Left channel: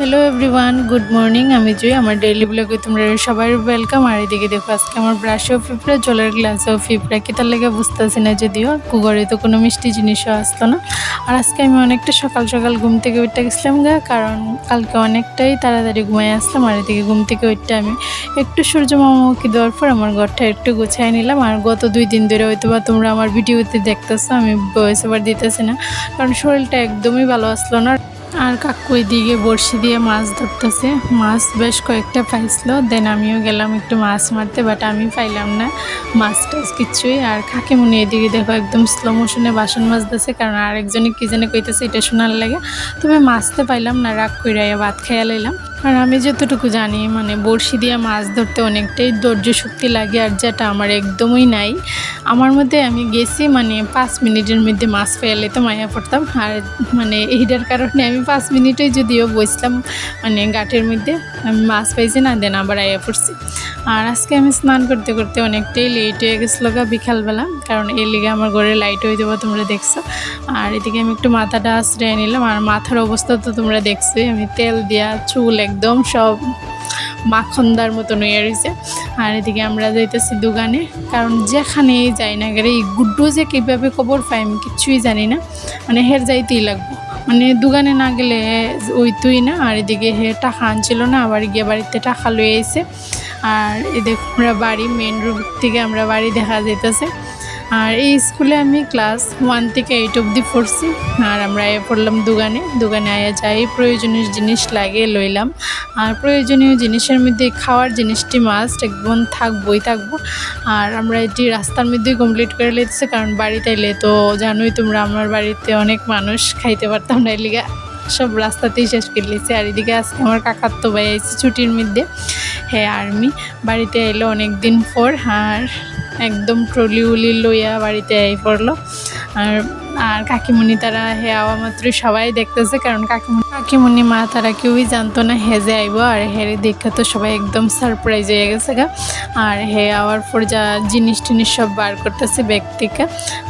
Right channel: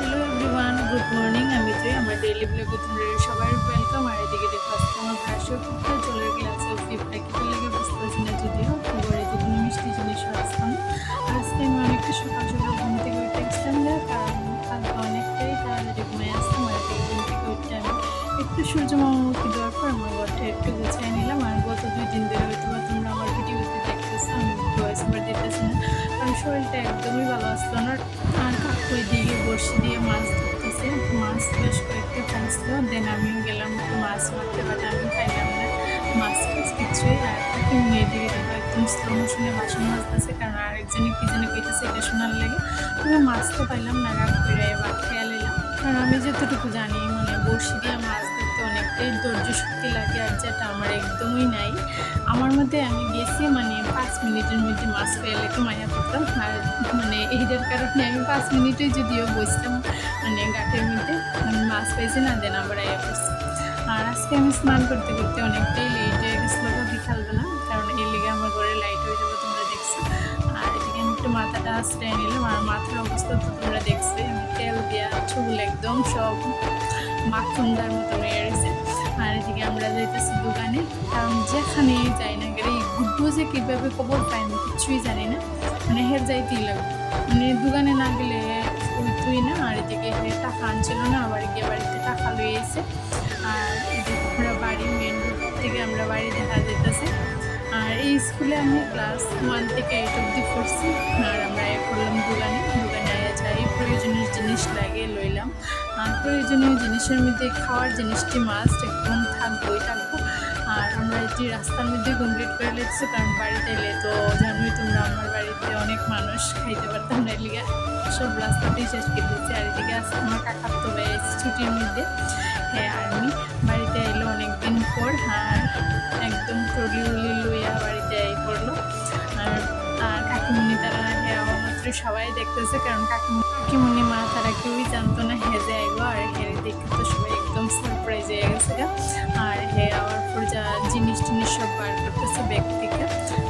Hello everyone, good morning. আমি জুই, আমার daily ব্লগে তোমরা সবাই ওয়েলকাম। আর এদিকে দেখো আজকে আমার ব্রাশেও ফিফড়া, জলের গ্লাসেও ফিফড়া, কি তার লেগে বুঝতেছি না, যদিও কুগরে তো কোনো মিষ্টি জিনিসও আসতো না। আর আজকে আমি অনেকটা সকাল সকাল ঘুম থেকে উঠতে গেছিলাম কারণ কালকে অনেকটাই তাড়াতাড়ি ঘুমাই আসতাম। আর এদিকে ঘুম থেকে উঠতে আমি একটু সূর্য মামামুখী দেওয়ার পর আমার ঘরটা একটু গুছাই নিলাম। আর গত 2 দিন ধরে হয়তো বা তোমরা আমার ভিডিওতে দেখতেছো, আমি ভয়েস ওভার দিতেছি না কারণ শরীরটা একদমই ভালো আসলো না। আর কাকু এদিকে বড়শি দিয়ে মাছ ধরতেছে, মাছ বেশ কয়েকটা পাইছিল। দেন আমিও গেলাম একটু মাছ মারতে, বাট আমি পাইলাম না মাছ টাছ কিছুই। আর কাকিমুনি এদিকে দেখো একদম স্লো মোশনে বাসন মাজতেছে, কারণ আরেকজনে কি জানে কইতেছে এটা শোনার লাগে। তবে মাছতে পাইলাম না, রাগ কইরাইয়া ভাত খাইয়া লাইলাম। আর আমি যতটুকু জানি বড়শি দিয়ে মাছ ধরতে অনেকটাই ধৈর্য শক্তি লাগে, আর যেটা আমার একদমই নাই। আমার মধ্যে আমি গেছি 5 মিনিটের মধ্যে মাছ ফেলে তো মায়া পড়তাম। আর এইটার কারণে আমি 5 মিনিটেই যদিও বসলাম ঘাটের মধ্যে, আমি মাছ পাইছি না, দেন আবার আয়া পড়ছি। আর আজকে আমি স্নান করতে করতে অনেকটাই লেট হয়ে গেছিলো বিকালবেলা, কারণ এর লিগে আমার ঘরে লাইট হয়ে যাবো তোমরা দেখছো। আর এদিকে আমি একটু মাথাটা আশ্রয় নিলাম। আর মাথার অবস্থা তো তোমরা দেখছোই, আমি তেল দিয়া চুল একদম সব মাখনদার মতন হয়ে রয়েছে। আর এদিকে আমরা যাইতেছি দোকানে, কারণ যেখানেই যাই না গেলে এই গুড্ডু যে কীভাবে খবর পাই আমি কিচ্ছুই জানি না, হের যাইতেই লাগবে, দোকানে না গেলে ওই তুই না। আর এদিকে হে টাকা আনছিল না, আবার গিয়ে বাড়িতে টাকা লয়ে আইছে। আর এদিকে আমরা বাড়ি মেন রোড থেকে আমরা বাড়ি দেখা যাইতেছে। আর এই স্কুলে আমি ক্লাস 1 থেকে 8 অবধি পড়ছি। আর আমরা পড়লাম দোকানে আয়া যাই প্রয়োজনীয় জিনিস লাগে লইলাম। আর প্রয়োজনীয় জিনিসের মধ্যে খাওয়ার জিনিসটি মাস্ট একদম থাকবো। আর আমরা এটি রাস্তার মধ্যেই কমপ্লিট করে লেগেছে, কারণ বাড়িতে এলে তো জানোই তোমরা আমার বাড়িতে অনেক মানুষ, খাইতে পারতাম না, এলিগা সব রাস্তাতেই শেষ করে লিখছে। আর এদিকে আজকে আমার কাকার তো ভাই আইছে ছুটির মধ্যে, হ্যাঁ আর্মি বাড়িতে এলো অনেক দিন পর। আর একদম ট্রলি উলি লইয়া বাড়িতে পড়লো। আর কাকিমুনি তারা আওয়া মাত্রই সবাই দেখতেছে, কারণ কাকিমুনি মা তারা কেউই জানতো না হেজে আইব। আর হেরে দেখা তো সবাই একদম সারপ্রাইজ হয়ে গেছে আর আওয়ার পর যা জিনিস টিনিস সব বার করতেছে ব্যাগ থেকে।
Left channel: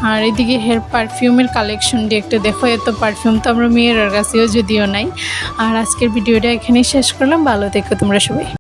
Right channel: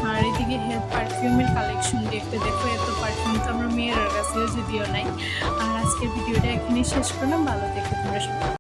আর এদিকে পারফিউমের কালেকশনটি একটু দেখো, এত পারফিউম তো আমরা মেয়ের কাছেও যদিও নাই। আর আজকের ভিডিওটা এখানেই শেষ করলাম, ভালো থেকো তোমরা সবাই।